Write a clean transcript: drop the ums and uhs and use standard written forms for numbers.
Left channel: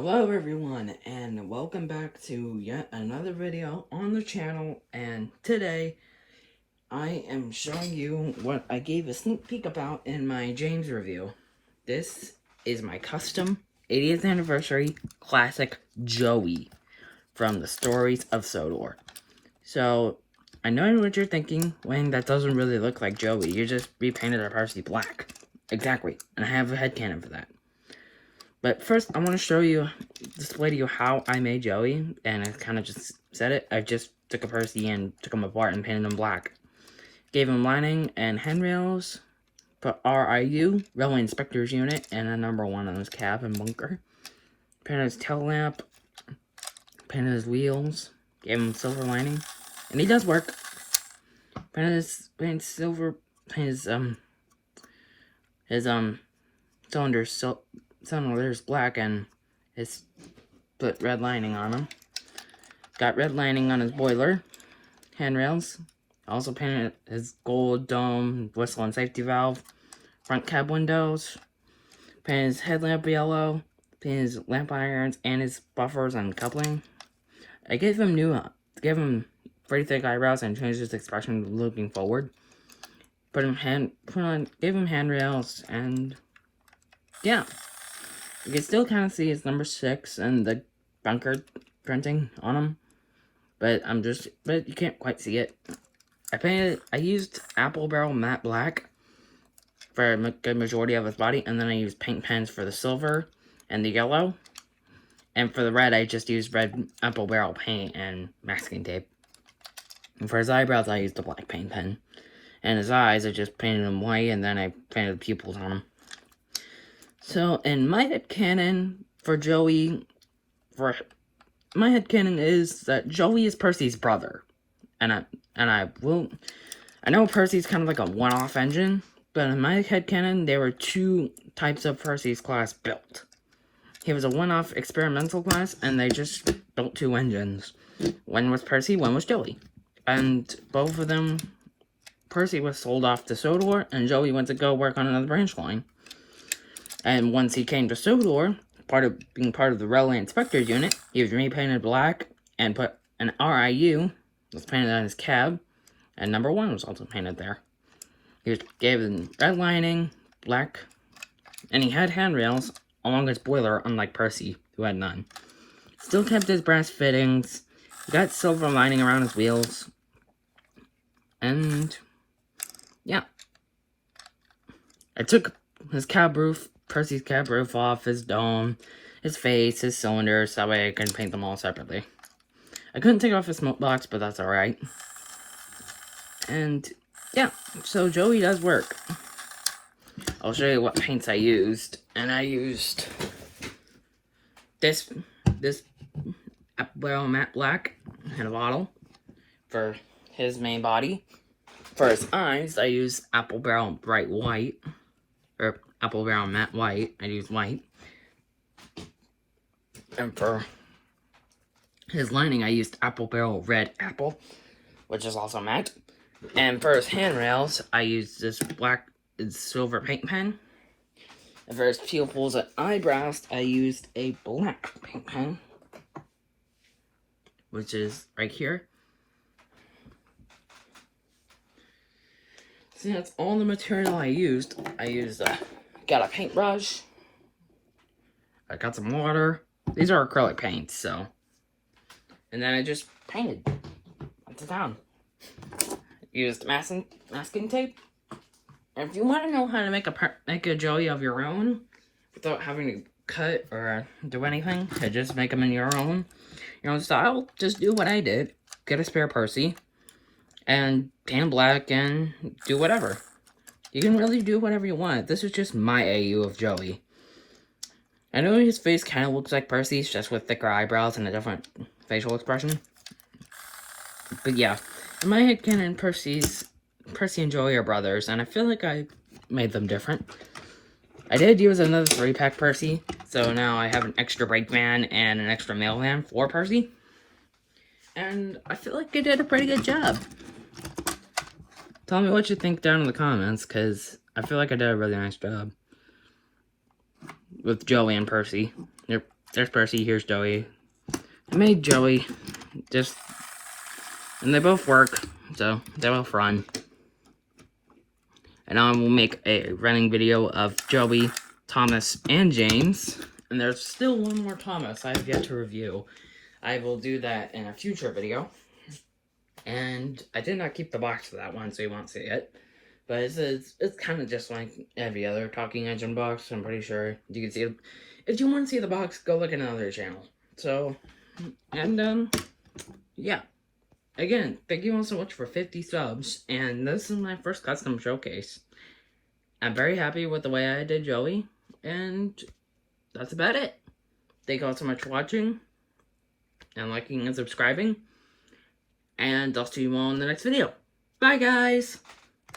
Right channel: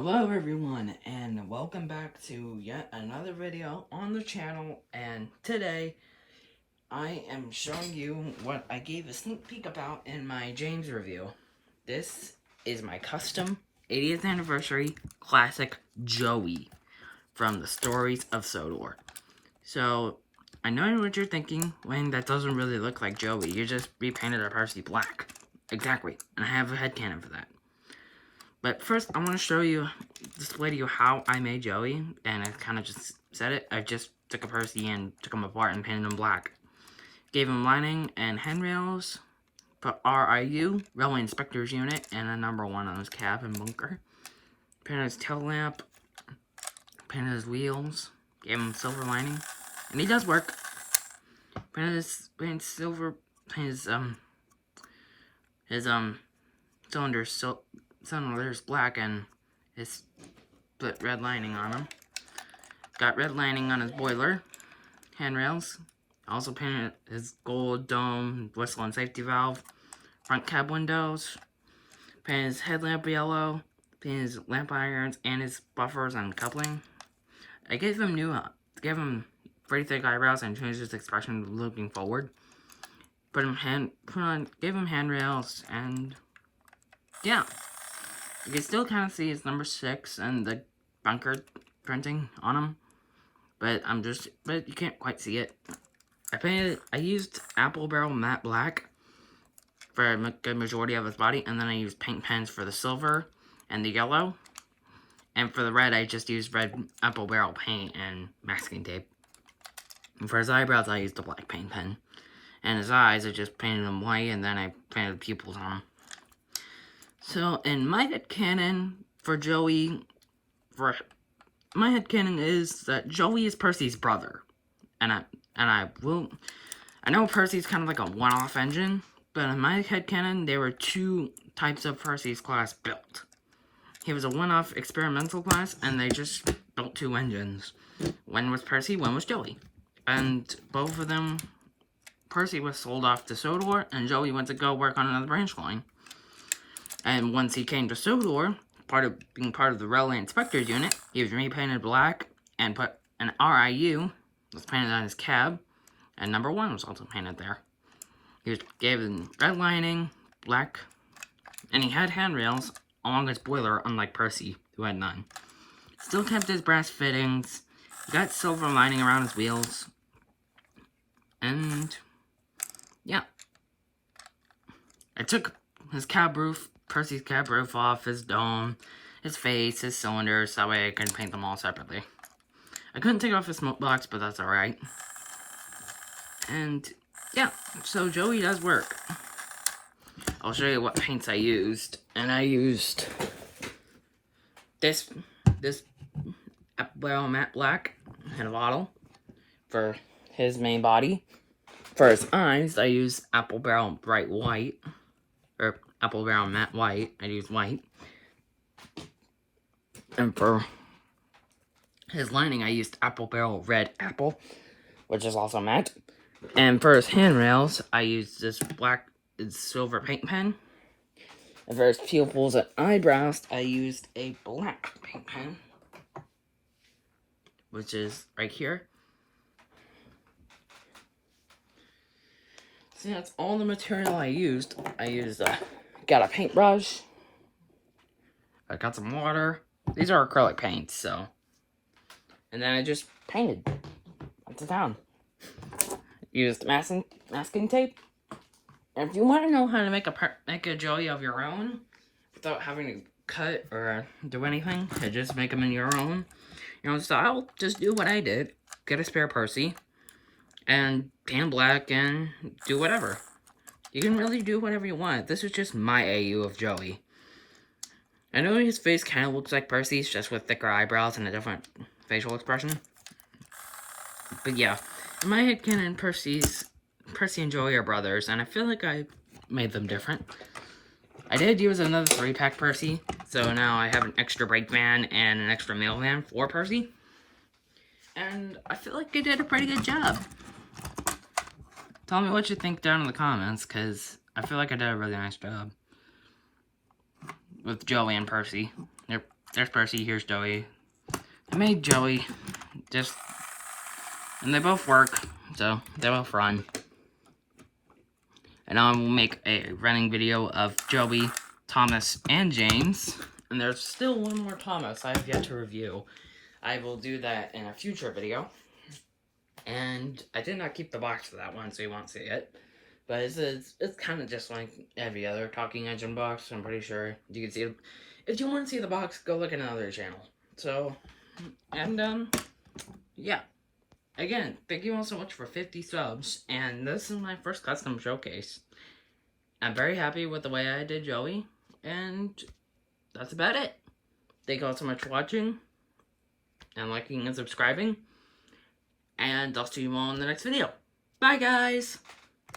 Hello everyone, and welcome back to yet another video on the channel. And today I am showing you what I gave a sneak peek about in my James review. This is my custom 80th anniversary classic Joey from the Stories of Sodor. So I know what you're thinking, Wayne, that doesn't really look like Joey. You just repainted our Parsi black. Exactly, and I have a headcanon for that. But first, I want to display to you how I made Joey, and I kind of just said it. I just took a Percy and took him apart and painted him black. Gave him lining and handrails, put RIU, Railway Inspector's Unit, and a number 1 on his cab and bunker. Painted his tail lamp, painted his wheels, gave him silver lining, and he does work. Painted his cylinder's black, and his split red lining on them. Got red lining on his boiler, handrails. Also painted his gold dome, whistle and safety valve, front cab windows. Painted his headlamp yellow. Painted his lamp irons and his buffers and coupling. I gave him pretty thick eyebrows and changed his expression looking forward. Gave him handrails, and yeah. You can still kind of see his number 6 and the bunker printing on him, but you can't quite see it. I used apple barrel matte black for a good majority of his body, and then I used paint pens for the silver and the yellow, and for the red, I just used red apple barrel paint and masking tape. And for his eyebrows, I used a black paint pen, and his eyes, I just painted them white, and then I painted the pupils on him. So, in my headcanon for Joey, my headcanon is that Joey is Percy's brother. And I know Percy's kind of like a one-off engine, but in my headcanon, there were 2 types of Percy's class built. He was a one-off experimental class, and they just built 2 engines. One was Percy, one was Joey. And both of them, Percy was sold off to Sodor, and Joey went to go work on another branch line. And once he came to Sodor, being part of the Railway Inspector's Unit, he was repainted black and put an RIU, was painted on his cab, and number 1 was also painted there. He was given red lining, black, and he had handrails along his boiler, unlike Percy, who had none. Still kept his brass fittings, he got silver lining around his wheels, and yeah. I took his Percy's cab roof off, his dome, his face, his cylinders, that way I could paint them all separately. I couldn't take off his smoke box, but that's alright. And yeah, so Joey does work. I'll show you what paints I used. And I used this apple barrel matte black in a bottle for his main body. For his eyes, I used apple barrel bright white, or apple barrel matte white. I used white. And for his lining, I used apple barrel red apple, which is also matte. And for his handrails, I used this silver paint pen. And for his pupils and eyebrows, I used a black paint pen, which is right here. See, that's all the material I used. Got a paintbrush. I got some water. These are acrylic paints, so. And then I just painted. That's it down. Used masking tape. And if you want to know how to make a Joey of your own without having to cut or do anything, to just make them in your own style, just do what I did. Get a spare Percy and paint black and do whatever. You can really do whatever you want. This is just my AU of Joey. I know his face kind of looks like Percy's, just with thicker eyebrows and a different facial expression. But yeah, in my headcanon, Percy and Joey are brothers, and I feel like I made them different. I did use another 3-pack Percy, so now I have an extra brakeman and an extra mailman for Percy. And I feel like I did a pretty good job. Tell me what you think down in the comments, because I feel like I did a really nice job with Joey and Percy. They're There's Percy, here's Joey. I made Joey, and they both work, so they both run. And I will make a running video of Joey, Thomas, and James. And there's still one more Thomas I have yet to review. I will do that in a future video. And I did not keep the box for that one, so you won't see it. But it's kind of just like every other Talking Engine box, I'm pretty sure. You can see it. If you want to see the box, go look at another channel. So, and, yeah. Again, thank you all so much for 50 subs, and this is my first custom showcase. I'm very happy with the way I did Joey, and that's about it. Thank you all so much for watching, and liking and subscribing, and I'll see you all in the next video. Bye, guys!